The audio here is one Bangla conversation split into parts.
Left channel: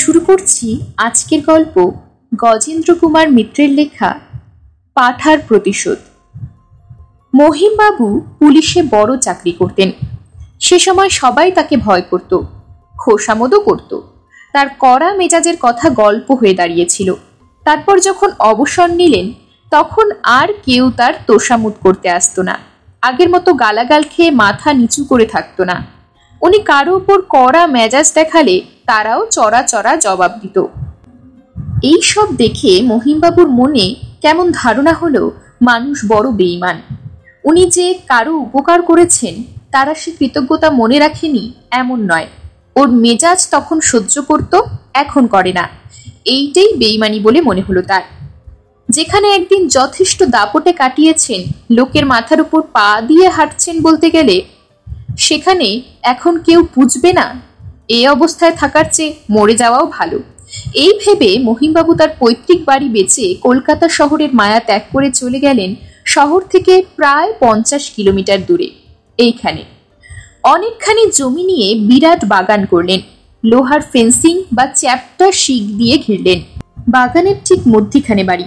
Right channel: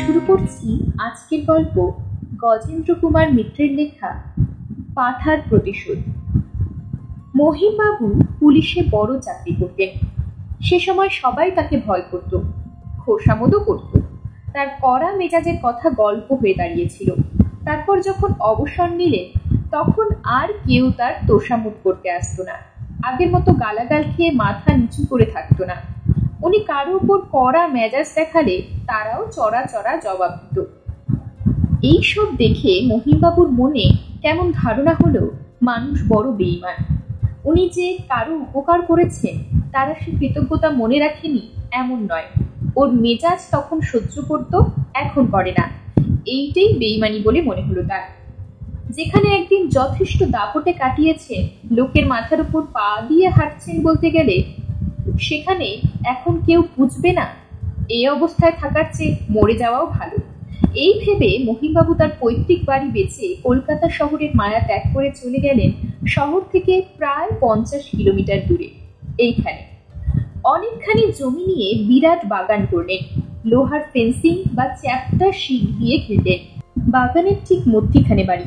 শুরু করছি আজকের গল্প গজেন্দ্র কুমার মিত্রের লেখা পাঠার প্রতিশোধ। মহিমবাবু পুলিশে বড় চাকরি করতেন। সে সময় সবাই তাকে ভয় করত, খোশামদও করত। তার কড়া মেজাজের কথা গল্প হয়ে দাঁড়িয়েছিল। তারপর যখন অবসর নিলেন তখন আর কেউ তার তোষামোদ করতে আসতো না। আগের মতো গালাগাল খেয়ে মাথা নিচু করে থাকতো না। উনি কারো উপর কড়া মেজাজ দেখালে তারাও চড়া চড়া জবাব দিত। এই সব দেখে মহিমবাবুর মনে কেমন ধারণা হলো মানুষ বড় বেঈমান। উনি যে কারো উপকার করেছেন তারা সে কৃতজ্ঞতা মনে রাখেনি এমন নয়। ওর মেজাজ তখন সহ্য করত, এখন করে না। এইটাই বেঈমানি বলে মনে হলো তার। যেখানে একদিন যথেষ্ট দাপটে কাটিয়েছেন, লোকের মাথার উপর পা দিয়ে হাঁটছেন বলতে গেলে, সেখানে এখন কেউ বুঝবে না। এই অবস্থায় থাকার চেয়ে মরে যাওয়াও ভালো। এই ভেবে মহিমবাবু তার পৈতৃক বাড়ি বেচে কলকাতা শহরের মায়া ত্যাগ করে চলে গেলেন শহর থেকে প্রায় 50 কিলোমিটার দূরে। এইখানে অনেকখানি জমি নিয়ে বিরাট বাগান করলেন। লোহার ফেন্সিং বা চ্যাপ্টা শিক দিয়ে ঘিরলেন। বাগানের ঠিক মধ্যিখানে বাড়ি।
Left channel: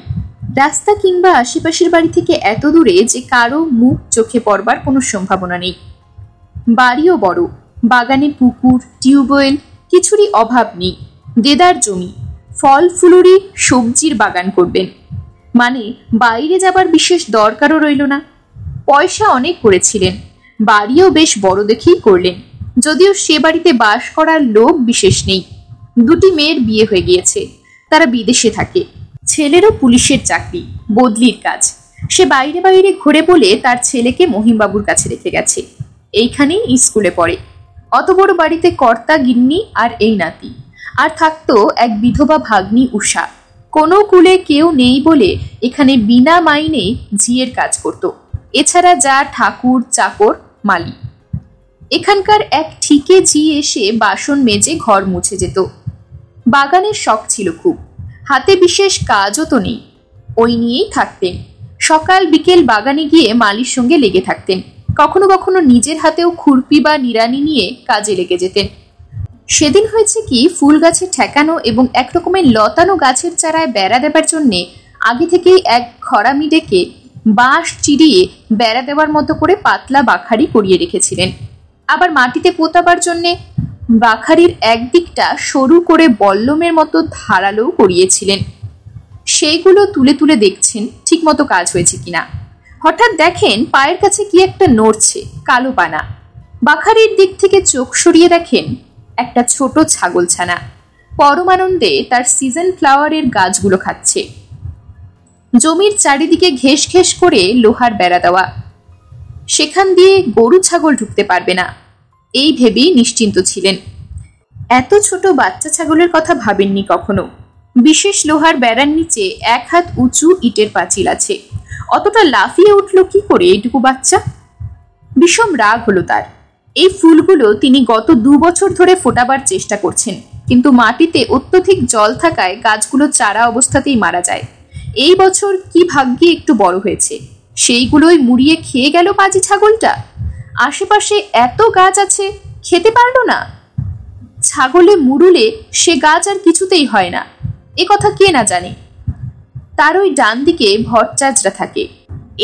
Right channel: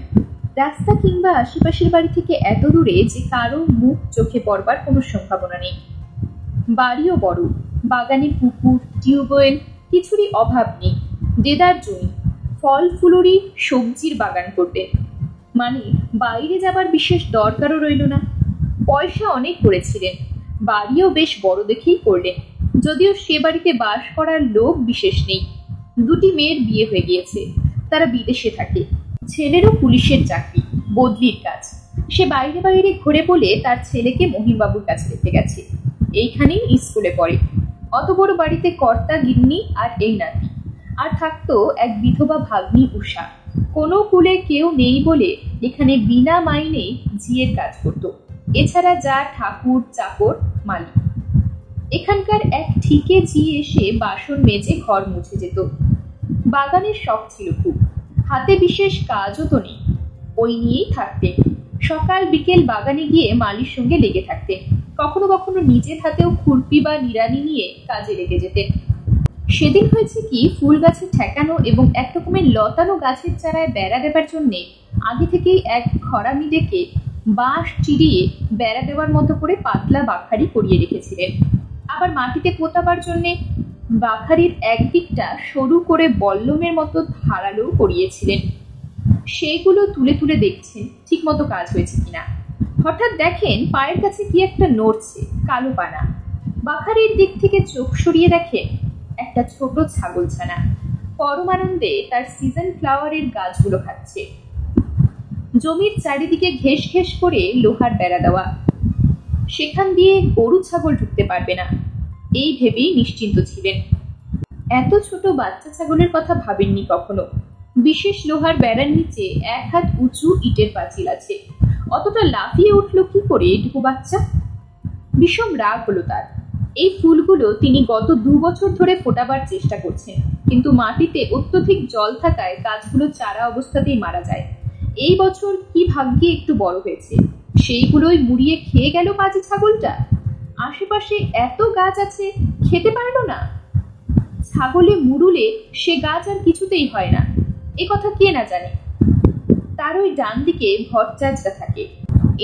রাস্তা কিংবা আশেপাশের বাড়ি থেকে এত দূরে যে কারো মুখ চোখে পড়বার কোনো সম্ভাবনা নেই। বাড়িও বড়, বাগানে পুকুর, টিউবওয়েল কিছুরই অভাব নেই। দেদার জমি, ফল ফুলুরি সবজির বাগান করবেন মানে বাইরে যাবার বিশেষ দরকারও রইল না। পয়সা অনেক করেছিলেন, বাড়িও বেশ বড় দেখেই করলেন। যদিও সে বাড়িতে বাস করার লোক বিশেষ নেই। দুটি মেয়ের বিয়ে হয়ে গিয়েছে, তারা বিদেশে থাকে। ছেলেরও পুলিশের চাকরি, বদলির কাজ। সে বাইরে বাইরে ঘুরে বলে তার ছেলেকে মহিমবাবুর কাছে রেখে গেছে। এইখানেই স্কুলে পড়ে। অত বড় বাড়িতে কর্তা গিন্নি আর এই নাতি, আর থাকতো এক বিধবা ভাগ্নি উষা। কোনো কুলে কেউ নেই বলে এখানে বিনা মাইনে ঝিয়ের কাজ করত। এছাড়া যা ঠাকুর চাকর মালি। এখানকার এক ঠিকে ঝি এসে বাসন মেজে ঘর মুছে যেত। বাগানের শখ ছিল খুব, হাতে বিশেষ কাজও তো নেই, ওই নিয়েই থাকতেন। সকাল বিকেল বাগানে গিয়ে মালির সঙ্গে লেগে থাকতেন। কখনো কখনো নিজের হাতেও খুরপি বা নিড়ানি নিয়ে কাজে লেগে যেতেন। সেদিন হয়েছে কি, ফুল গাছে ঠেকানো এবং একরকমের লতানো গাছের চারায় বেড়া দেবার জন্যে আগে থেকেই এক খরামি ডেকে বাঁশ চিরিয়ে বেড়া দেওয়ার মতো করে পাতলা বাখারি করিয়ে রেখেছিলেন। আবার মাটিতে পোতাবার জন্যে বাখারির একদিকটা সরু করে বল্লমের মতো ধারালো করিয়েছিলেন। সেইগুলো তুলে তুলে দেখছেন ঠিক মতো কাজ হয়েছে কিনা। হঠাৎ দেখেন পায়ের কাছে কি একটা নড়ছে, কালো পানা। বাখারির দিক থেকে চোখ সরিয়ে দেখেন একটা ছোট ছাগলছানা পরমানন্দে তার সিজন ফ্লাওয়ারের গাছগুলো খাচ্ছে। জমির চারিদিকে ঘেস ঘেস করে লোহার বেড়া দেওয়া, সেখান দিয়ে গরু ছাগল ঢুকতে পারবে না, এই ভেবেই নিশ্চিন্ত ছিলেন। এত ছোট বাচ্চা ছাগলের কথা ভাবেননি কখনো। বিশেষ লোহার বেড়ার নিচে 1 হাত উঁচু ইটের পাঁচিল আছে। অতটা লাফিয়ে উঠল কি করে এইটুকু বাচ্চা? বিষম রাগ হলো তার। এই ফুলগুলো তিনি গত 2 বছর ধরে ফোটাবার চেষ্টা করছেন, কিন্তু মাটিতে অত্যধিক জল থাকায় গাছগুলো চারা অবস্থাতেই মারা যায়। এই বছর কি ভাগ্যে একটু বড় হয়েছে, সেইগুলোই মুড়িয়ে খেয়ে গেল পাজি ছাগলটা। আশেপাশে এত গাছ আছে, খেতে পারলো না। ছাগলে মুড়ুলে সে গাছ আর কিছুতেই হয় না, এ কথা কে না জানে। তার ওই ডান দিকে ভট্টাচার্যরা থাকে,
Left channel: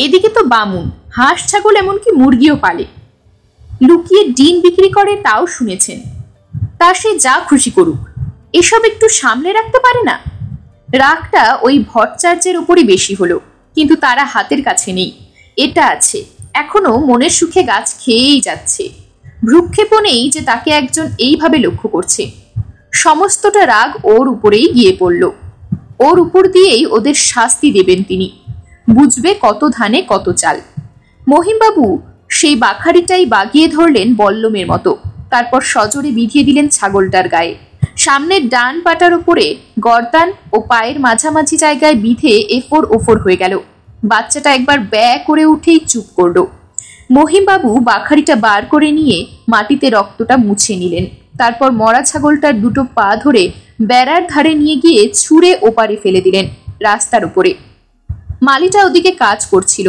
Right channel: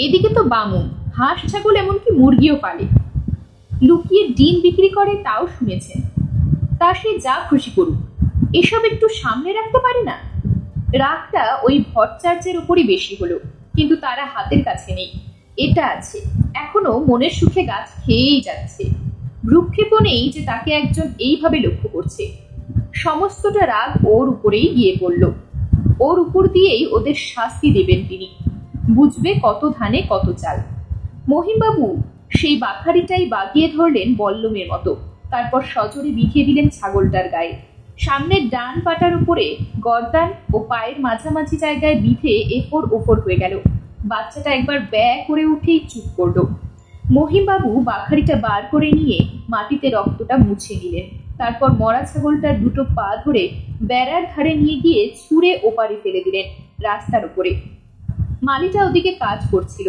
এদিকে তো বামুন, হাঁস ছাগল এমনকি মুরগিও পালে। লুকিয়ে ডিম বিক্রি করে তাও শুনেছেন। তা সে যা খুশি করুক, এসব একটু সামলে রাখতে পারে না। রাগটা ওই ভট্টাচার্যের উপরই বেশি হলো, কিন্তু তারা হাতের কাছে নেই। এটা আছে, এখনো মনের সুখে গাছ খেয়েই যাচ্ছে। ভ্রুক্ষেপও নেই যে তাকে একজন এইভাবে লক্ষ্য করছে। সমস্তটা রাগ ওর উপরেই গিয়ে পড়ল। ওর উপর দিয়েই ওদের শাস্তি দেবেন তিনি। বুঝবে কত ধানে কত চাল। মহিমবাবু সেই বাখারিটাই বাগিয়ে ধরলেন বল্লমের মতো। তারপর সজোরে বিধিয়ে দিলেন ছাগলটার গায়ে। সামনের ডান পাটার উপরে গর্দান ও পায়ের মাঝামাঝি জায়গায় বিধে এফোর ওফোর হয়ে গেল। বাচ্চাটা একবার ব্যয় করে উঠেই চুপ করল। মহিমবাবু বাখারিটা বার করে নিয়ে মাটিতে রক্তটা মুছে নিলেন। তারপর মরা ছাগলটার দুটো পা ধরে বেড়ার ধারে নিয়ে গিয়ে ছুঁড়ে ওপারে ফেলে দিলেন, রাস্তার উপরে। মালিটা ওদিকে কাজ করছিল।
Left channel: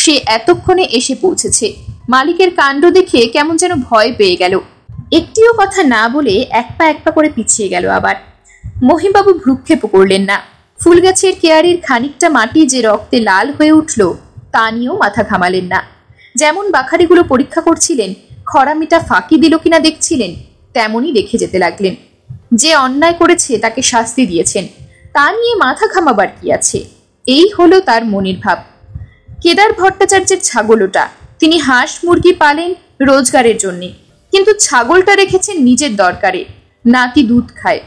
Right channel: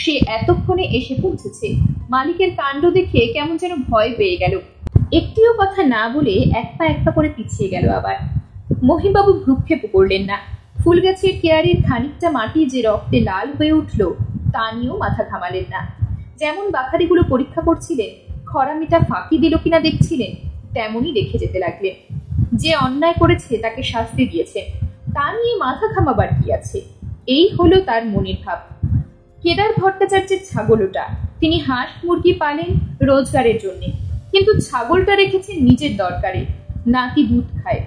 সে এতক্ষণে এসে পৌঁছেছে। মালিকের কাণ্ড দেখে কেমন যেন ভয় পেয়ে গেল। একটিও কথা না বলে এক পা করে পিছিয়ে গেল। আবার মহিমবাবু ভ্রুক্ষেপ করলেন না। ফুল গাছের কেয়ারির খানিকটা মাটি যে রক্তে লাল হয়ে উঠল তা নিয়েও মাথা ঘামালেন না। যেমন বাখারিগুলো পরীক্ষা করছিলেন, খরামিটা ফাঁকি দিল কিনা দেখছিলেন, তেমনই দেখে যেতে লাগলেন। যে অন্যায় করেছে তাকে শাস্তি দিয়েছেন, তা নিয়ে মাথা ঘামাবার কি আছে? এই হলো তার মনের ভাব। কেদার ভট্টাচার্যের ছাগল ওটা। তিনি হাঁস মুরগি পালেন রোজগারের জন্যে, কিন্তু ছাগলটা রেখেছেন নিজের দরকারে। নাতি দুধ খায়,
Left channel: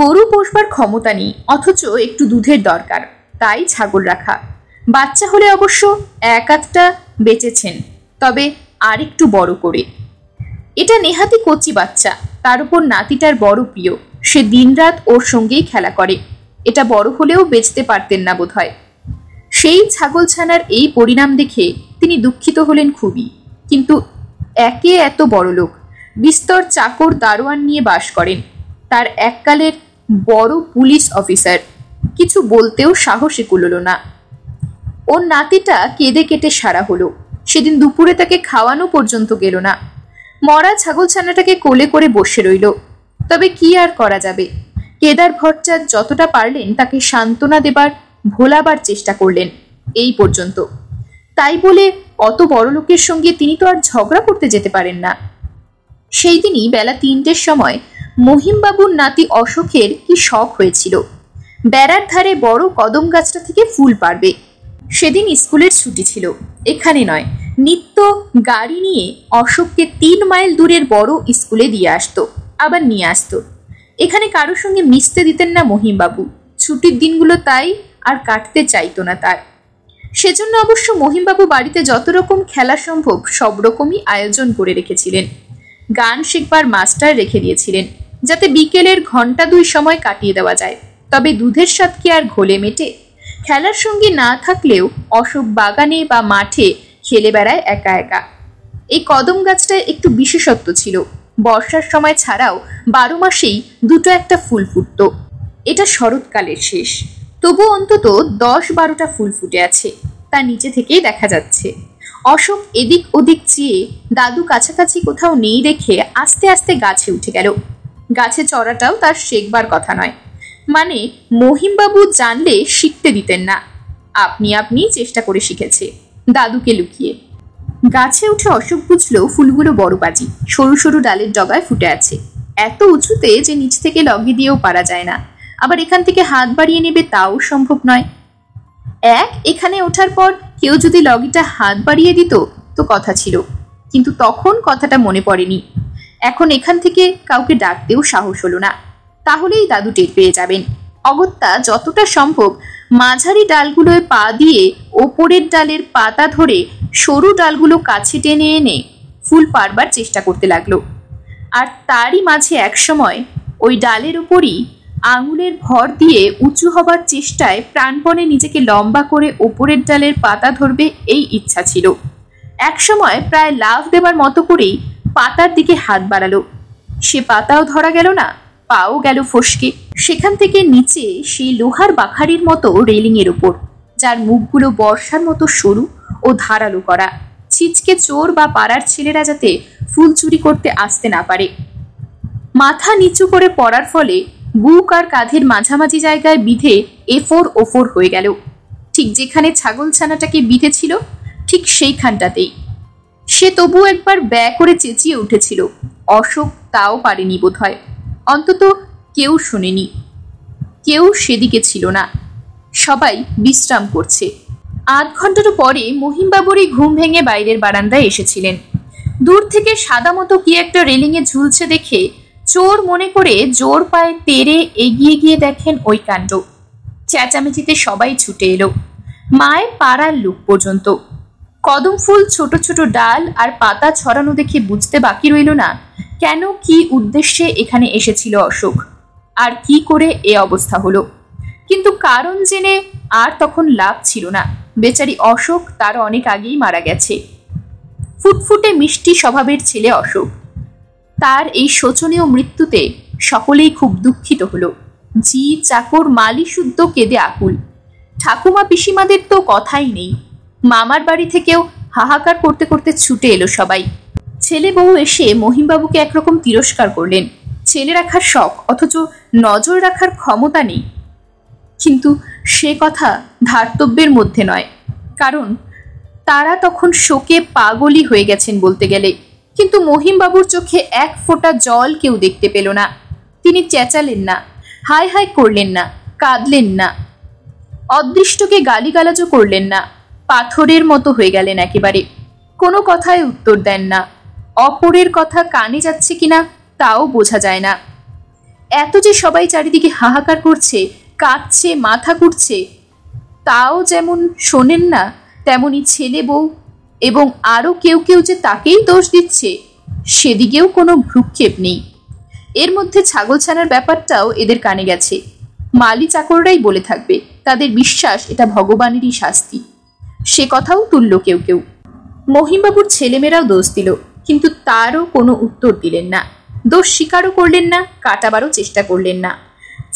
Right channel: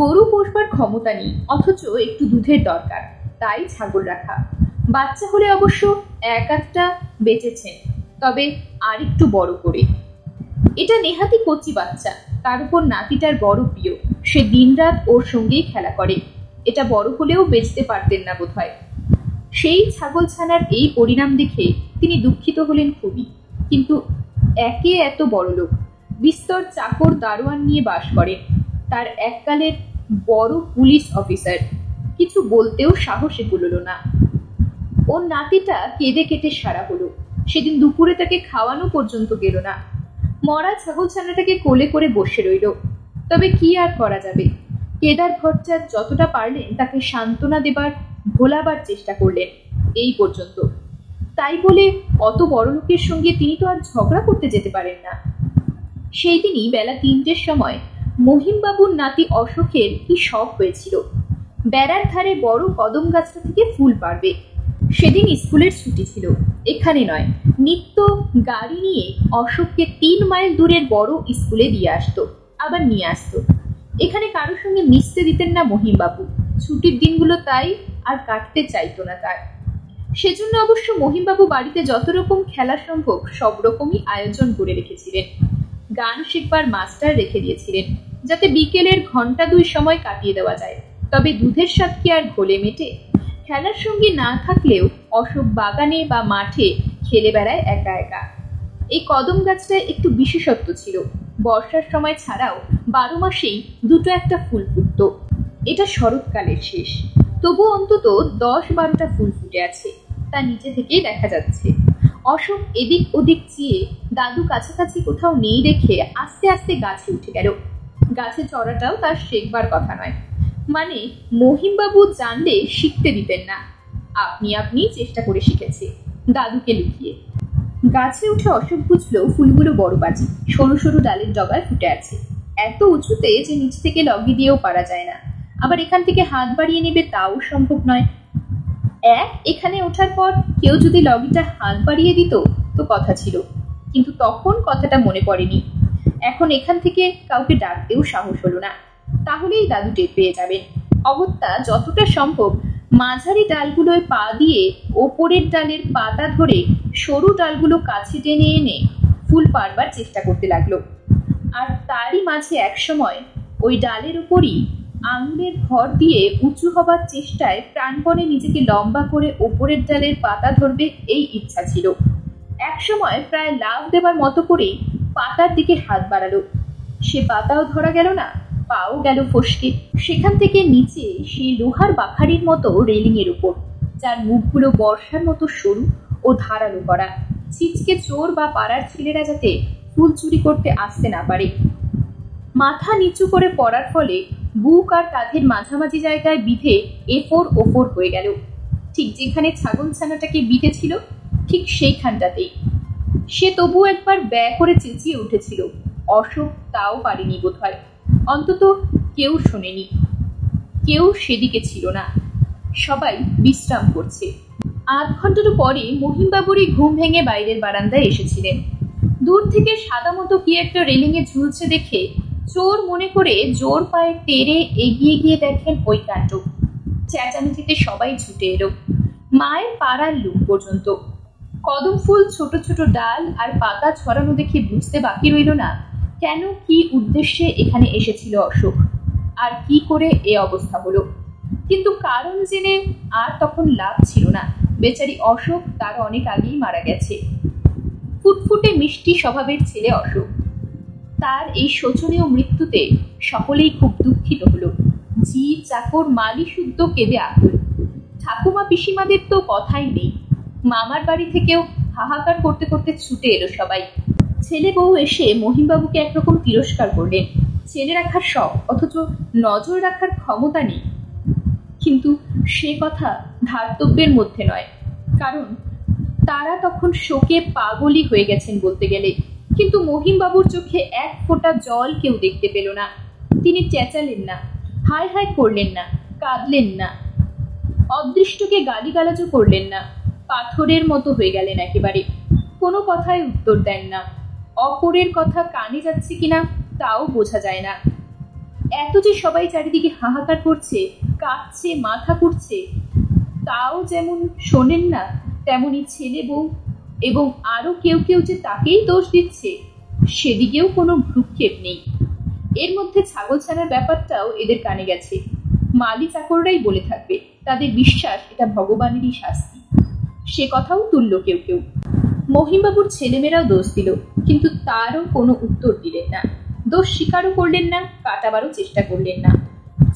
গরু পোষবার ক্ষমতা নেই, অথচ একটু দুধের দরকার, তাই ছাগল রাখা। বাচ্চা হলে অবশ্য এক আধটা বেঁচেছেন, তবে আর একটু বড় করে। এটা নেহাতি কচি বাচ্চা, তার উপর নাতিটার বড় প্রিয়। সে দিনরাত ওর সঙ্গেই খেলা করে। এটা বড় হলেও বেচতে পারতেন না বোধহয়। সেই ছাগলছানার এই পরিণাম দেখে তিনি দুঃখিত হলেন খুবই। কিন্তু একে এত বড় লোক, বিস্তর চাকর দারোয়ান নিয়ে বাস করেন, তার এককালের বড় পুলিশ অফিসার, কিছু বলতেও সাহসে কুলোল না। ওর নাতিটা কেঁদে কেটে সারা হলো। সেদিন দুপুরে তাকে খাওয়ানো পর্যন্ত গেল না। মরা ছাগলছানাটাকে কোলে করে বসে রইল। তবে কি আর করা যাবে? কেদার ভট্টাচার্য যতটা পারলেন তাকে সান্ত্বনা দেবার, ভোলাবার চেষ্টা করলেন, এই পর্যন্ত। তাই বলে অত বড় লোকের সঙ্গে তিনি তো আর ঝগড়া করতে যেতে পারেন না। সেই দিনই বেলা 3টের সময় মহিমবাবুর নাতি অশোকের কি শখ হয়েছিল বেড়ার ধারে বড় কদম গাছটা থেকে ফুল পাড়বে। সেদিন স্কুলের ছুটি ছিল। এখানে নয়, নিত্য গাড়ি নিয়ে অশোককে 3 মাইল দূরের বড় স্কুলে দিয়ে আসতো, আবার নিয়ে আসতো। এখানে কারোর সঙ্গে মিশতে দিতেন না মহিমবাবু। ছুটির দিনগুলো তাই আর কাটতে চাইতো না তার। সেজন্য অবশ্য মহিমবাবু বাড়িতে যত রকম খেলা সম্ভব সব রকমই আয়োজন করে রেখেছিলেন। গান শিখবার মাস্টার রেখে দিয়েছিলেন, যাতে বিকেলের ঘন্টা 2 সময় কাটিয়ে দেওয়া যায়। তবে দুধের স্বাদ কি আর ঘোলে মেটে? খেলার সঙ্গী না থাকলেও অশোক বাগানে বা মাঠে খেলে বেড়ায় একা একা। এই কদম গাছটায় একটু বিশেষত্ব ছিল। বর্ষার সময় ছাড়াও 12 মাসেই 2-1 ফুল ফুটত। এটা শরৎকালের শেষ, তবু অন্তত 10-12টা ফুল ফুটে আছে, তা নিচে থেকেই দেখা যাচ্ছে। অশোক এদিক ওদিক চেয়ে দাদু কাছাকাছি কোথাও নেই দেখে আস্তে আস্তে গাছে উঠে গেল। গাছে চড়াটাও তার শেখবার কথা নয়, মানে মহিমবাবু জানলে শিখতে দিতেন না। আপনি আপনি চেষ্টা করে শিখেছে, দাদুকে লুকিয়ে। গাছে উঠে অশোক বুঝলো ফুলগুলো বড় বাজি, সরু সরু ডালের ডগায় ফুটে আছে, এত উঁচুতে যে নিচ থেকে লগি দিয়েও পারা যায় না। আবার এখান থেকে হাত বাড়িয়ে নেবে তাও সম্ভব নয়। এখানে ওঠার পর কেউ যদি লগিটা হাত বাড়িয়ে দিত তো কথা ছিল, কিন্তু তখন কথাটা মনে পড়েনি। এখন এখান থেকে কাউকে ডাকতেও সাহস হলো না, তাহলেই দাদু টের পেয়ে যাবেন। অগত্যা যতটা সম্ভব মাঝারি ডালগুলোয় পা দিয়ে ওপরের ডালের পাতা ধরে সরু ডালগুলো কাছে টেনে এনে ফুল পাড়বার চেষ্টা করতে লাগলো। আর তারই মাঝে একসময় ওই ডালের উপরই আঙুলের ভর দিয়ে উঁচু হবার চেষ্টায় প্রাণপণে নিজেকে লম্বা করে ওপরের ডালের পাতা ধরবে এই ইচ্ছা ছিল। একসময় প্রায় লাফ দেবার মতো করেই পাতার দিকে হাত বাড়ালো। সে পাতাও ধরা গেল না, পাও গেল ফসকে। সেখান থেকে নিচে সেই লোহার বাখারির মতো রেলিং এর উপর, যার মুখগুলো বর্ষার মতো সরু ও ধারালো করা, ছিচকে চোর বা পাড়ার ছেলেরা যাতে ফুল চুরি করতে আসতে না পারে। মাথা নিচু করে পড়ার ফলে বুক আর কাঁধের মাঝামাঝি জায়গায় বিধে এফোর ওফোর হয়ে গেল। ঠিক যেখানে ছাগলছানাটাকে বিঁধেছিল ঠিক সেইখানটাতেই। সে তবু একবার ব্যয় করে চেঁচিয়ে উঠেছিল। অশোক তাও পারেনি বোধহয়, অন্তত কেউ শোনেনি। কেউ সেদিকে ছিল না, সবাই বিশ্রাম করছে। 8 ঘন্টার পরে মহিমবাবুরই ঘুম ভেঙে বাইরের বারান্দায় এসেছিলেন। দূর থেকে সাদা মতো কি একটা রেলিংয়ে ঝুলছে দেখে চোর মনে করে জোর পায়ে তেড়ে এগিয়ে গিয়ে দেখেন ওই কাণ্ড। চেঁচামেচিতে সবাই ছুটে এলো, মায়ের পাড়ার লোক পর্যন্ত। কদম ফুল ছোট ছোট ডাল আর পাতা ছড়ানো দেখে বুঝতে বাকি রইল না কেন, কি উদ্দেশ্যে এখানে এসেছিল অশোক, আর কি করে এ অবস্থা হলো। কিন্তু কারণ জেনে আর তখন লাভ ছিল না। বেচারি অশোক তার অনেক আগেই মারা গেছে। ফুটফুটে মিষ্টি স্বভাবের ছেলে অশোক, তার এই শোচনীয় মৃত্যুতে সকলেই খুব দুঃখিত হলো। জি চাকর মালি শুদ্ধ কেঁদে আকুল। ঠাকুমা পিসিমাদের তো কথাই নেই। মামার বাড়ি থেকেও হাহাকার করতে করতে ছুটে এলো সবাই। ছেলে বউ এসে মহিমবাবুকে একরকম তিরস্কার করলেন। ছেলে রাখার শখ, অথচ নজর রাখার ক্ষমতা নেই। কিন্তু সে কথা ধার্তব্যের মধ্যে নয়, কারণ তারা তখন শোকে পাগলই হয়ে গেছেন বলতে গেলে। কিন্তু মহিমবাবুর চোখে এক ফোঁটা জল কেউ দেখতে পেল না। তিনি চেঁচালেন না, হায় হায় করলেন না, কাঁদলেন না, অদৃষ্টকে গালিগালাজও করলেন না। পাথরের মতো হয়ে গেলেন একেবারে। কোনো কথায় উত্তর দেন না। অপরের কথা কানে যাচ্ছে কিনা তাও বোঝা যায় না। এত যে সবাই চারিদিকে হাহাকার করছে, কাঁদছে, মাথা কুটছে, তাও যেমন শোনেন না, তেমনি ছেলে বউ এবং আরও কেউ কেউ যে তাকেই দোষ দিচ্ছে, সেদিকেও কোনো ভ্রুক্ষেপ নেই। এর মধ্যে ছাগলছানার ব্যাপারটাও এদের কানে গেছে। মালি চাকররাই বলে থাকবে, তাদের বিশ্বাস এটা ভগবানেরই শাস্তি। সে কথাও তুলল কেউ কেউ। মহিমবাবুর ছেলেমেয়েরাও দোষ দিল, কিন্তু তারও কোনো উত্তর দিলেন না। দোষ স্বীকারও করলেন না, কাটাবারও চেষ্টা করলেন না।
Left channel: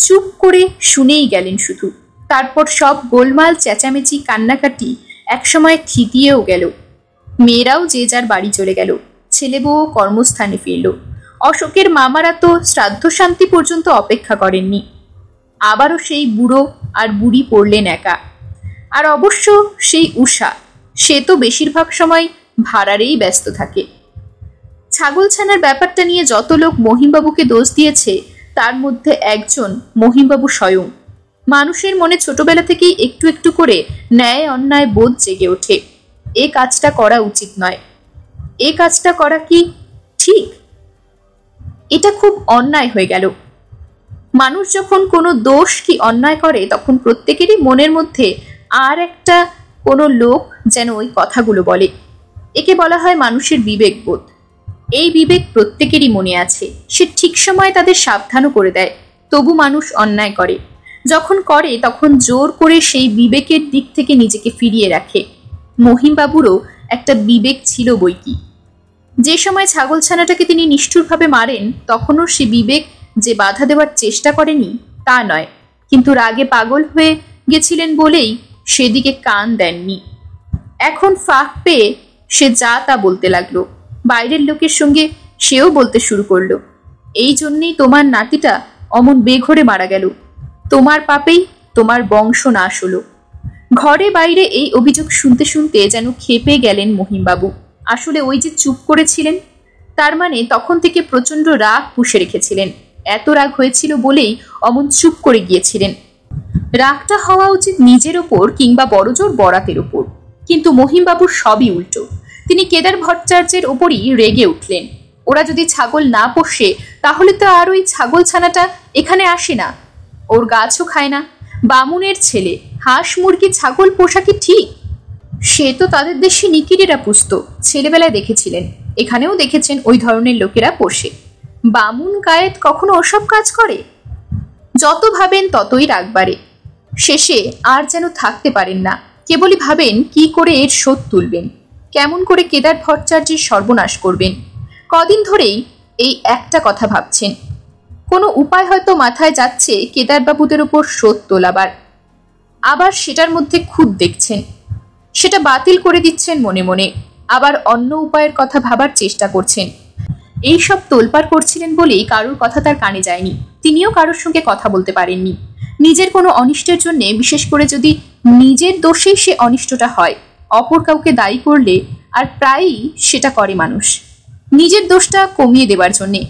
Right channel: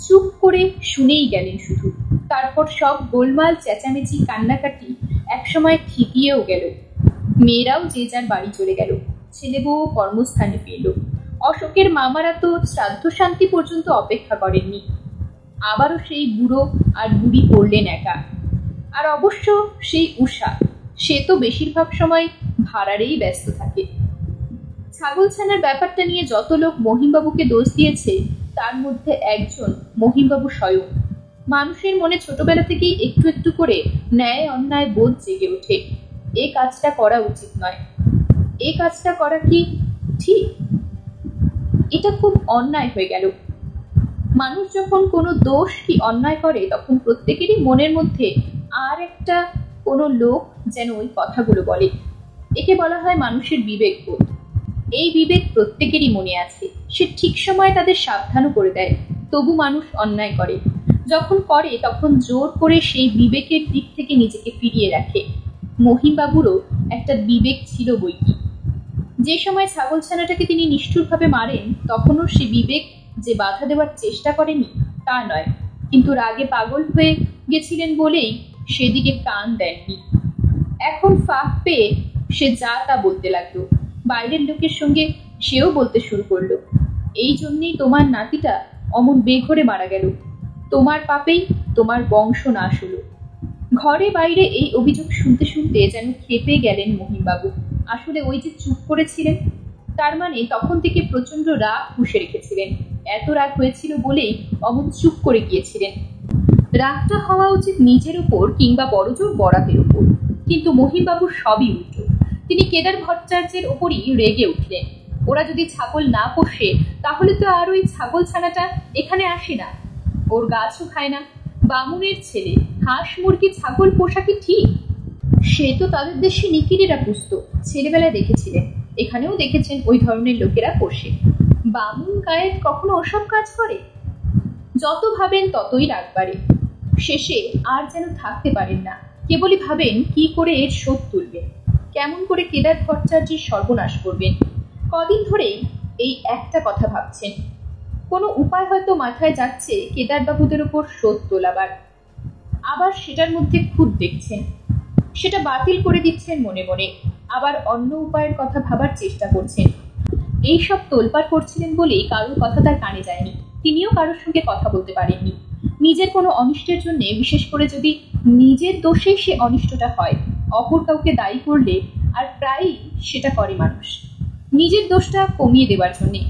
চুপ করে শুনেই গেলেন শুধু। তারপর সব গোলমাল, চেঁচামেচি, কান্নাকাটি একসময় থিতিয়েও গেল। মেয়েরাও যে যার বাড়ি চলে গেল। ছেলে বউ কর্মস্থানে ফিরল। অশোকের মামারা তো শ্রাদ্ধ শান্তি পর্যন্ত অপেক্ষা করেননি। আবারও সেই বুড়ো আর বুড়ি পড়লেন একা। আর অবশ্য সেই উষা, সে তো বেশিরভাগ সময় ভাড়ারেই ব্যস্ত থাকে। ছাগলছানার ব্যাপারটা নিয়ে যত লোক মহিমবাবুকে দোষ দিয়েছে, তার মধ্যে একজন মহিমবাবু স্বয়ং। মানুষের মনে ছোটবেলা থেকেই একটু একটু করে ন্যায় অন্যায় বোধ জেগে ওঠে। এ কাজটা করা উচিত নয়, এ কাজটা করা কি ঠিক, এটা খুব অন্যায় হয়ে গেল। মানুষ যখন কোনো দোষ কি অন্যায় করে, তখন প্রত্যেকেরই মনের মধ্যে আর একটা কোনো লোক যেন ওই কথাগুলো বলে। একে বলা হয় মানুষের বিবেকবোধ। এই বিবেক প্রত্যেকেরই মনে আছে। সে ঠিক সময় তাদের সাবধানও করে দেয়। তবু মানুষ অন্যায় করে। যখন করে তখন জোর করে সেই বিবেকের দিক থেকে নিজেকে ফিরিয়ে রাখে। মহিমবাবুরও একটা বিবেক ছিল বইকি। যে সময় ছাগলছানাটাকে তিনি নিষ্ঠুরভাবে মারেন, তখনও সে বিবেক যে বাধা দেওয়ার চেষ্টা করেনি তা নয়, কিন্তু রাগে পাগল হয়ে গেছিলেন বলেই সেদিকে কান দেননি। এখন ফাঁক পেয়ে সে যা তা বলতে লাগলো। বাইরের লোকের সঙ্গে সেও বলতে শুরু করলো, এই জন্যেই তোমার নাতিটা অমন বেঘরে মারা গেল, তোমার পাপেই তোমার বংশ নাশ হলো। ঘরে বাইরে এই অভিযোগ শুনতে শুনতে যেন ক্ষেপে গেলেন মহিমবাবু। আসলে ওই যে চুপ করেছিলেন, তার মানে তখন থেকে প্রচন্ড রাগ পুষে রেখেছিলেন। এত রাগ হয়েছিল বলেই অমন চুপ করে গিয়েছিলেন। রাগটা হওয়া উচিত নিজের ওপর কিংবা বড়জোর বরাতের ওপর, কিন্তু মহিমবাবুর সবই উল্টো। তিনি কেদার ভট্টাচার্যের ওপরই রেগে উঠলেন। ওরা যদি ছাগল না পোষে, তাহলে তো আর ওই ছাগল ছানাটা এখানে আসে না, ওর গাছও খায় না। বামুনের ছেলে হাঁস মুরগি ছাগল পোষা কি ঠিক? সে তো তাদের দেশে নিকিরেরা পুষত, ছেলেবেলায় দেখেছিলেন। এখানেও দেখেছেন ওই ধরনের লোকেরা পোষে। বামুন গায়েত কখনো ওসব কাজ করে? যত ভাবেন ততই রাগ বাড়ে। শেষে আর যেন থাকতে পারেন না। কেবলই ভাবেন কি করে এর শোধ তুলবেন, কেমন করে কেদার ভট্টাচার্যের সর্বনাশ করবেন। কদিন ধরেই এই একটা কথা ভাবছেন। কোনো উপায় হয়তো মাথায় যাচ্ছে কেদারবাবুদের উপর শোধ তোলাবার। আবার সেটার মধ্যে খুঁত দেখছেন, সেটা বাতিল করে দিচ্ছেন মনে মনে। আবার অন্য উপায়ের কথা ভাবার চেষ্টা করছেন। এইসব তোলপাড় করছিলেন বলেই কারোর কথা তার কানে যায়নি। তিনিও কারোর সঙ্গে কথা বলতে পারেননি। নিজের কোনো অনিষ্টের জন্য, বিশেষ করে যদি নিজের দোষেই সে অনিষ্টটা হয়, অপর কাউকে দায়ী করলে, আর প্রায়ই সেটা করে মানুষ, নিজের দোষটা কমিয়ে দেবার জন্যে।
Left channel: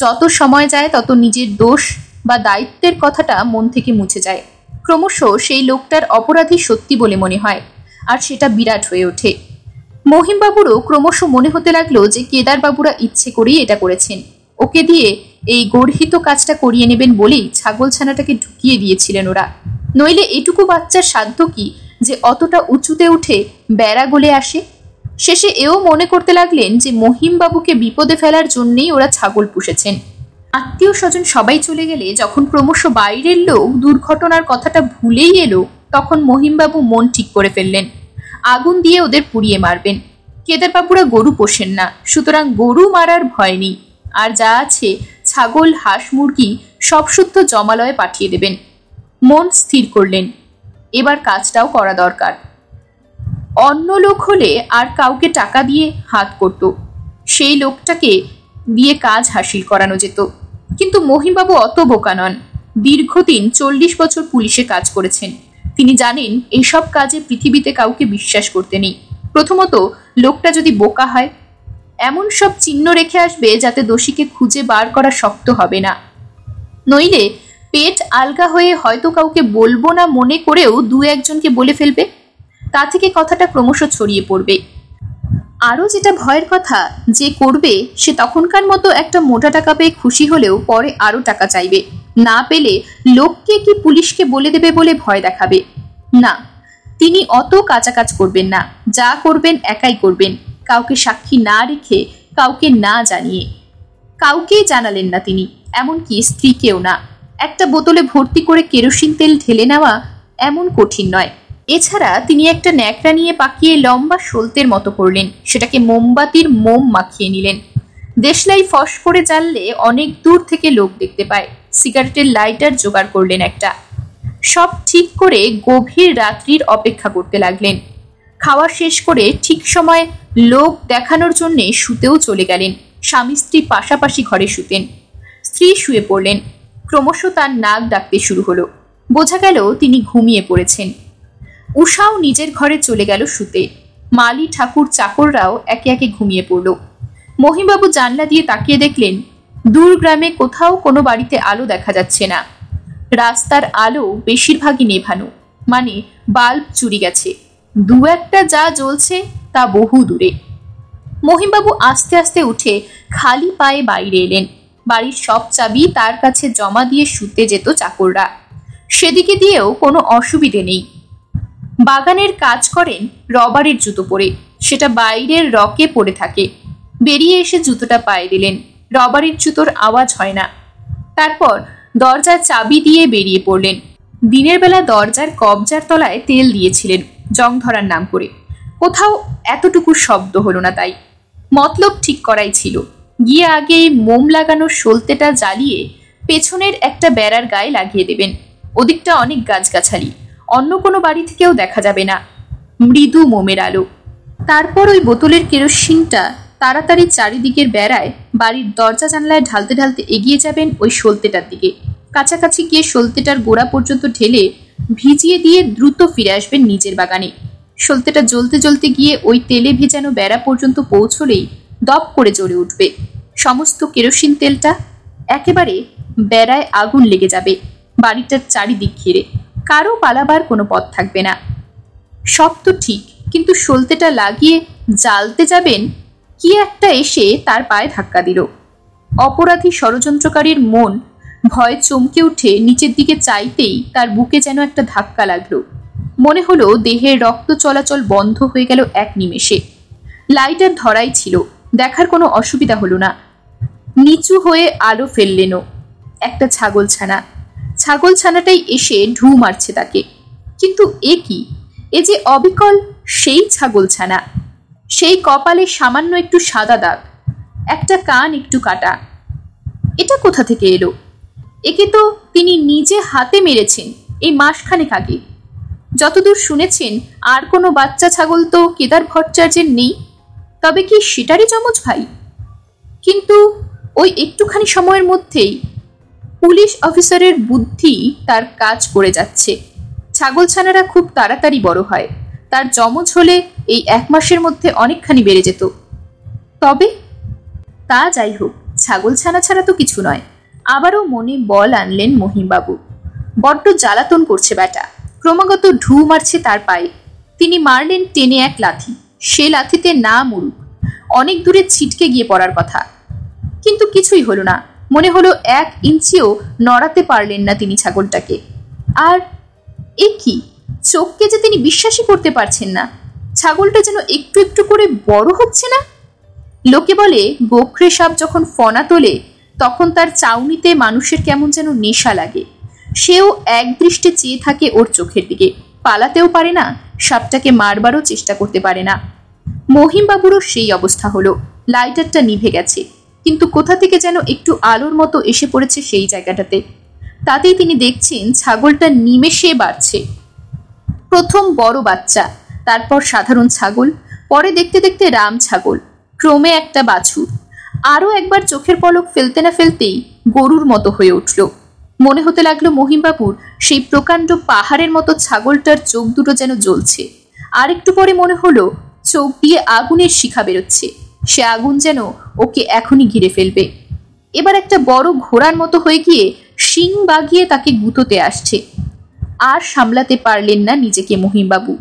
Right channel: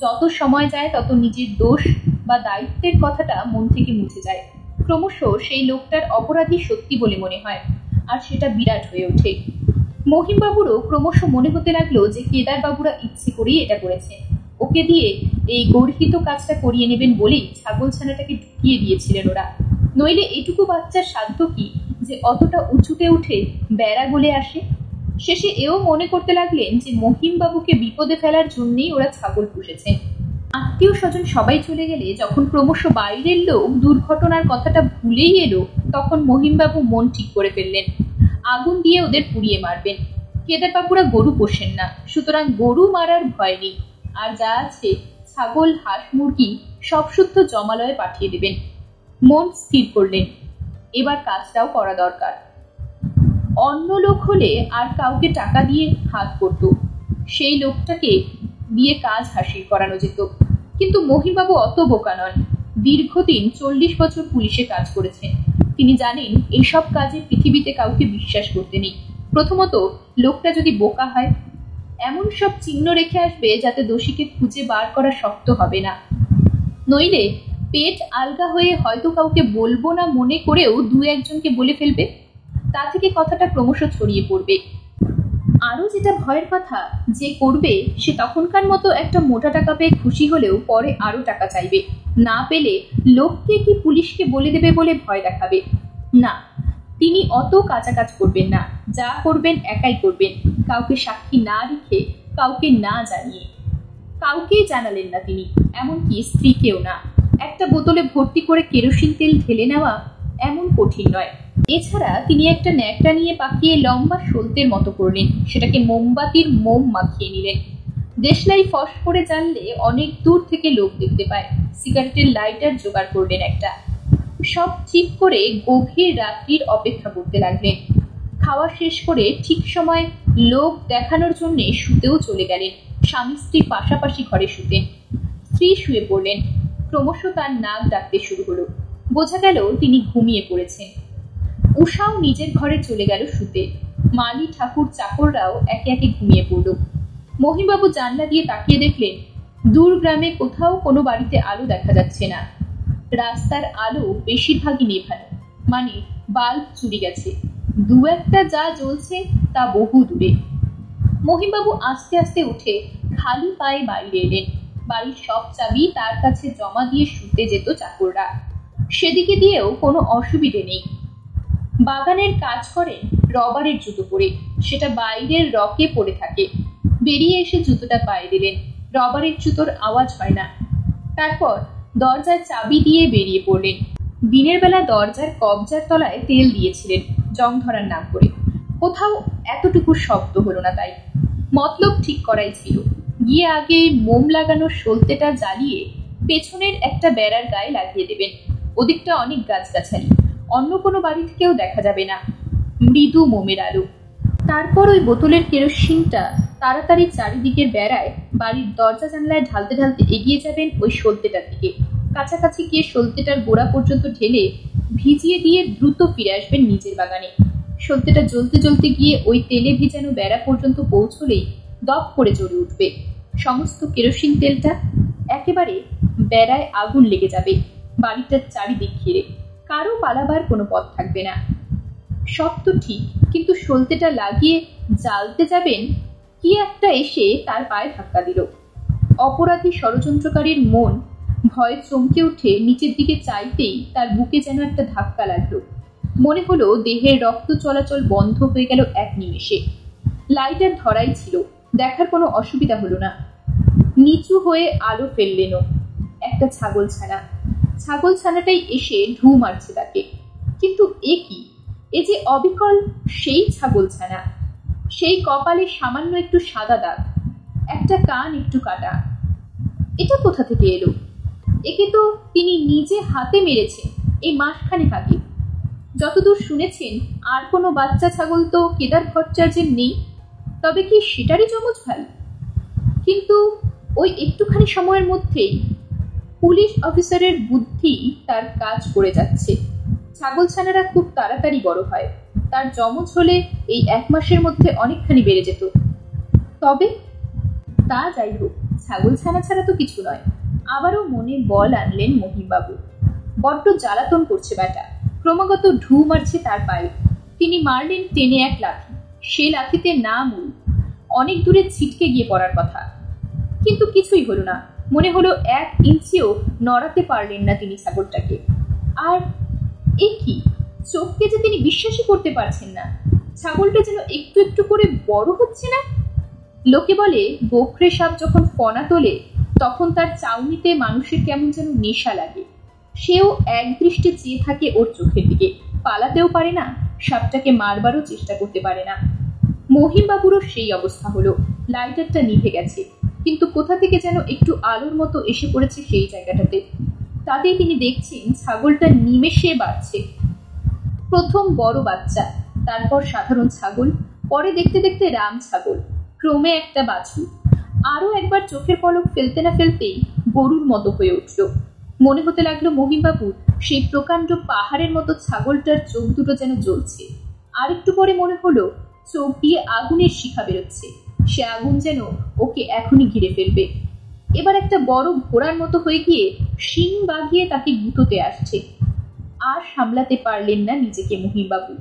যত সময় যায় তত নিজের দোষ বা দায়িত্বের কথাটা মন থেকে মুছে যায়। ক্রমশ সেই লোকটার অপরাধী সত্যি বলে মনে হয়, আর সেটা বিরাট হয়ে ওঠে। মহিমবাবুরও ক্রমশ মনে হতে লাগলো যে কেদারবাবুরা ইচ্ছে করেই এটা করেছেন। ওকে দিয়ে এই গর্হিত কাজটা করিয়ে নেবেন বলেই ছাগলছানাটাকে ঢুকিয়ে দিয়েছিলেন ওরা। নইলে এটুকু বাচ্চার সাধ্য কি যে অতটা উঁচুতে উঠে বেড়া গলে আসে? শেষে এও মনে করতে লাগলেন যে মহিমবাবুকে বিপদে ফেলার জন্যেই ওরা ছাগল পুষেছেন। আত্মীয় স্বজন সবাই চলে গেলে যখন ক্রমশ বাইরের লোক দুর্ঘটনার কথাটা ভুলেই এলো, তখন মহিমবাবু মন ঠিক করে ফেললেন, আগুন দিয়ে ওদের পুড়িয়ে মারবেন। কেদারবাবুরা গরু পোষেন না, সুতরাং গরু মারার ভয় নেই। আর যা আছে ছাগল, হাঁস, মুরগি সব শুদ্ধ জমালয়ে পাঠিয়ে দেবেন। মন স্থির করলেন, এবার কাজটাও করা দরকার। অন্য লোক হলে আর কাউকে টাকা দিয়ে হাত করত, সেই লোকটাকে দিয়ে কাজ হাসিল করানো যেত। কিন্তু মহিমবাবু অত বোকা নন। দীর্ঘদিন 40 বছর পুলিশে কাজ করেছেন। তিনি জানেন এইসব কাজে পৃথিবীতে কাউকে বিশ্বাস করতে নেই। প্রথমত, লোকটা যদি বোকা হয়, এমন সব চিহ্ন রেখে আসবে যাতে দোষীকে খুঁজে বার করা শক্ত হবে না। নইলে পেট আলগা হয়ে হয়তো কাউকে বলবো না মনে করেও 2-1জনকে বলে ফেলবে। তা থেকে কথাটা ক্রমশ ছড়িয়ে পড়বে। আরও যেটা ভয়ের কথা, যে করবে সে তখনকার মতো একটা মোটা টাকা পেয়ে খুশি হলেও পরে আরও টাকা চাইবে। না পেলে লোককে কি পুলিশকে বলে দেবে বলে ভয় দেখাবে। না, তিনি অত কাঁচা কাজ করবেন না। যা করবেন একাই করবেন, কাউকে সাক্ষী না রেখে, কাউকে না জানিয়ে। কাউকেই জানালেন না তিনি, এমনকি স্ত্রীকেও না। একটা বোতলে ভর্তি করে কেরোসিন তেল ঢেলে নেওয়া এমন কঠিন নয়। এছাড়া তিনি একটা ন্যাকড়া নিয়ে পাকিয়ে লম্বা সলতের মতো করলেন, সেটাকে মোমবাতির মোম মাখিয়ে নিলেন। দেশলাই ফস করে জ্বাললে অনেক দূর থেকে লোক দেখতে পায়। সিগারেটের লাইটার জোগাড় করলেন একটা। সব ঠিক করে গভীর রাত্রির অপেক্ষা করতে লাগলেন। খাওয়া শেষ করে ঠিক সময় লোক দেখানোর জন্য শুতেও চলে গেলেন। স্বামী স্ত্রী পাশাপাশি ঘরে শুতেন। স্ত্রী শুয়ে পড়লেন। ক্রমশ তার নাক ডাকতে শুরু হলো। বোঝা গেল তিনি ঘুমিয়ে পড়েছেন। উষাও নিজের ঘরে চলে গেল শুতে। মালি ঠাকুর চাকররাও একে একে ঘুমিয়ে পড়ল। মহিমবাবু জানলা দিয়ে তাকিয়ে দেখলেন দূর গ্রামে কোথাও কোনো বাড়িতে আলো দেখা যাচ্ছে না। রাস্তার আলো বেশিরভাগই নেভানো, মানে বাল্ব চুরি গেছে। 2-1টা যা জ্বলছে তা বহু দূরে। মহিমবাবু আস্তে আস্তে উঠে খালি পায়ে বাইরে এলেন। বাড়ির সব চাবি তার কাছে জমা দিয়ে শুতে যেত চাকররা। সেদিকে দিয়েও কোনো অসুবিধে নেই। বাগানের কাজ করেন রবারের জুতো পরে, সেটা বাইরের রকে পড়ে থাকে। বেরিয়ে এসে জুতোটা পায়ে দিলেন। রবারের জুতোর আওয়াজ হয় না। তারপর দরজার চাবি দিয়ে বেরিয়ে পড়লেন। দিনের বেলা দরজার কবজার তলায় তেল দিয়েছিলেন জং ধরার নাম করে। কোথাও এতটুকু শব্দ হলো না, তাই মতলব ঠিক করাই ছিল। গিয়ে আগে মোম লাগানোর সলতেটা জ্বালিয়ে পেছনের একটা বেড়ার গায়ে লাগিয়ে দেবেন। ওদিকটা অনেক গাছগাছালি, অন্য কোনো বাড়ি থেকেও দেখা যাবে না। মৃদু মোমের আলো। তারপর ওই বোতলের কেরোসিনটা তাড়াতাড়ি চারিদিকের বেড়ায় বাড়ির দরজা জানলায় ঢালতে ঢালতে এগিয়ে যাবেন ওই সলতেটার দিকে। কাছাকাছি গিয়ে সলতেটার গোড়া পর্যন্ত ঢেলে ভিজিয়ে দিয়ে দ্রুত ফিরে আসবেন নিজের বাগানে। সলতেটা জ্বলতে জ্বলতে গিয়ে ওই তেলে ভেজানো বেড়া পর্যন্ত পৌঁছলেই দপ করে জ্বলে উঠবে সমস্ত কেরোসিন তেলটা। একেবারে বেড়ায় আগুন লেগে যাবে বাড়িটার চারিদিক ঘিরে। কারো পালাবার কোনো পথ থাকবে না। সব তো ঠিক, কিন্তু সলতেটা লাগিয়ে জ্বালতে যাবেন, কি একটা এসে তার পায়ে ধাক্কা দিল। অপরাধী ষড়যন্ত্রকারীর মন ভয় চমকে উঠে নিচের দিকে চাইতেই তার বুকে যেন একটা ধাক্কা লাগলো। মনে হলো দেহের রক্ত চলাচল বন্ধ হয়ে গেল এক নিমেষে। লাইটার ধরাই ছিল, দেখার কোনো অসুবিধা হলো না। নিচু হয়ে আলো ফেললেনও একটা ছাগলছানা। ছাগলছানাটাই এসে ঢু মারছে তাকে। কিন্তু এ কি? এ যে অবিকল সেই ছাগলছানা। সেই কপালে সামান্য একটু সাদা দাগ, একটা কান একটু কাটা। এটা কোথা থেকে এলো? একে তো তিনি নিজে হাতে মেরেছেন এই মাসখানেক আগে। যতদূর শুনেছেন আর কোনো বাচ্চা ছাগল তো কেদার ভট্টাচার্যের নেই। তবে কি সেটারই যমজ ভাই? কিন্তু ওই একটুখানি সময়ের মধ্যেই পুলিশ অফিসারের বুদ্ধি তার কাজ করে যাচ্ছে। ছাগলছানারা খুব তাড়াতাড়ি বড় হয়। তার যমজ হলে এই 1 মাসের মধ্যে অনেকখানি বেড়ে যেত। তবে তা যাই হোক, ছাগলছানা ছাড়া তো কিছু নয়। আবারও মনে বল আনলেন মহিমবাবু। বড্ড জ্বালাতন করছে ব্যাটা, ক্রমাগত ঢু মারছে তার পায়ে। তিনি মারলেন টেনে এক লাথি। সে লাথিতে না মরুক, অনেক দূরে ছিটকে গিয়ে পড়ার কথা। কিন্তু কিছুই হলো না। মনে হলো 1 ইঞ্চিও নড়াতে পারলেন না তিনি ছাগলটাকে। আর এ কি, চোখকে যে তিনি বিশ্বাসই করতে পারছেন না। ছাগলটা যেন একটু একটু করে বড় হচ্ছে না। লোকে বলে গোখরে সাপ যখন ফনা তোলে তখন তার চাউনিতে মানুষের কেমন যেন নেশা লাগে। সেও এক দৃষ্টে চেয়ে থাকে ওর চোখের দিকে। পালাতেও পারে না, সাপটাকে মারবারও চেষ্টা করতে পারে না। মহিমবাবুরও সেই অবস্থা হলো। লাইটারটা নিভে গেছে, কিন্তু কোথা থেকে যেন একটু আলোর মতো এসে পড়েছে সেই জায়গাটাতে। তাতেই তিনি দেখছেন ছাগলটা নিমেষে বাড়ছে। প্রথম বড় বাচ্চা, তারপর সাধারণ ছাগল, পরে দেখতে দেখতে রাম ছাগল। ক্রমে একটা বাছুর আরো একবার চোখের পলক ফেলতে না ফেলতেই গরুর মতো হয়ে উঠল। মনে হতে লাগলো মহিমবাবুর সেই প্রকাণ্ড পাহাড়ের মতো ছাগলটার চোখ দুটো যেন জ্বলছে। আর একটু পরে মনে হলো চোখ দিয়ে আগুনের শিখা বেরোচ্ছে, সে আগুন যেন ওকে এখনই ঘিরে ফেলবে। এবার একটা বড় ঘোড়ার মতো হয়ে গিয়ে শিং বাগিয়ে তাকে গুঁতোতে আসছে। আর সামলাতে পারলেন না নিজেকে মহিমবাবু,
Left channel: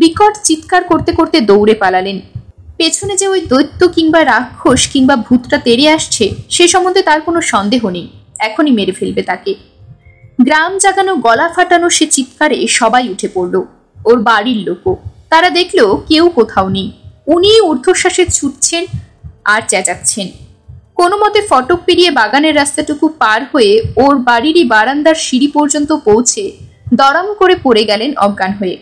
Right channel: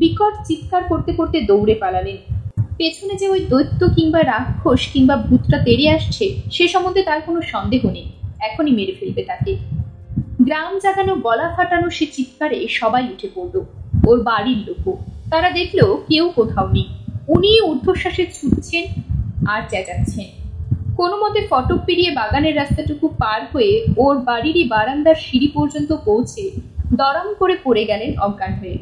বিকট চিৎকার করতে করতে দৌড়ে পালালেন। পেছনে যে ওই দৈত্য কিংবা রাক্ষস কিংবা ভূতটা তেড়ে আসছে সে সম্বন্ধে তার কোনো সন্দেহ নেই, এখনই মেরে ফেলবে তাকে। গ্রাম জাগানো গলা ফাটানো সে চিৎকারে সবাই উঠে পড়ল, ওর বাড়ির লোকও। তারা দেখলো কেউ কোথাও নেই, উনি ঊর্ধ্বশ্বাসে ছুটছেন আর চেঁচাচ্ছেন। কোনো মতে ফটক পেরিয়ে বাগানের রাস্তাটুকু পার হয়ে ওর বাড়িরই বারান্দার সিঁড়ি পর্যন্ত পৌঁছে দড়াম করে পড়ে গেলেন অজ্ঞান হয়ে।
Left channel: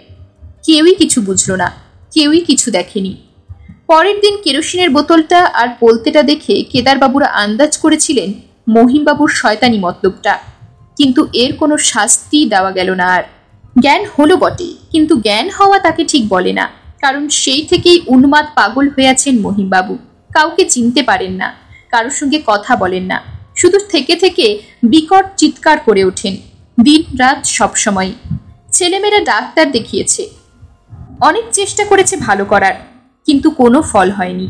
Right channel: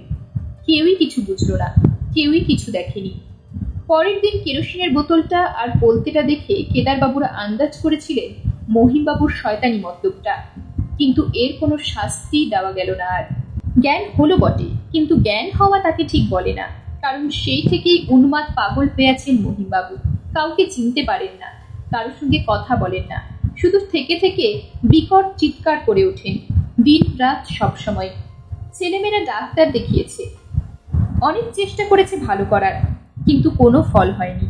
কেউই কিছু বুঝল না, কেউই কিছু দেখেনি। পরের দিন কেরোসিনের বোতলটা আর পোলতেটা দেখে কেদারবাবুরা আন্দাজ করেছিলেন মহিমবাবুর শয়তানি মতলবটা, কিন্তু এর কোনো শাস্তি দেওয়া গেল না আর। জ্ঞান হলো বটে, কিন্তু জ্ঞান হওয়া তাকে ঠিক বলে না, কারণ সেই থেকেই উন্মাদ পাগল হয়ে আছেন মহিমবাবু। কাউকে চিনতে পারেন না, কারোর সঙ্গে কথা বলেন না, শুধু থেকে থেকে বিকট চিৎকার করে ওঠেন দিন রাত সবসময়। ছেলেমেয়েরা ডাক্তার দেখিয়েছে, অনেক চেষ্টা করেছে ভালো করার, কিন্তু কোনো ফল হয়নি।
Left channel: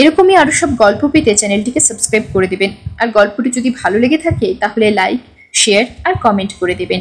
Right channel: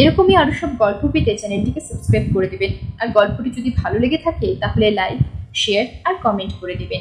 এরকমই আরো সব গল্প পেতে চ্যানেলটিকে সাবস্ক্রাইব করে দেবেন, আর গল্পটি যদি ভালো লেগে থাকে তাহলে লাইক, শেয়ার আর কমেন্ট করে দেবেন।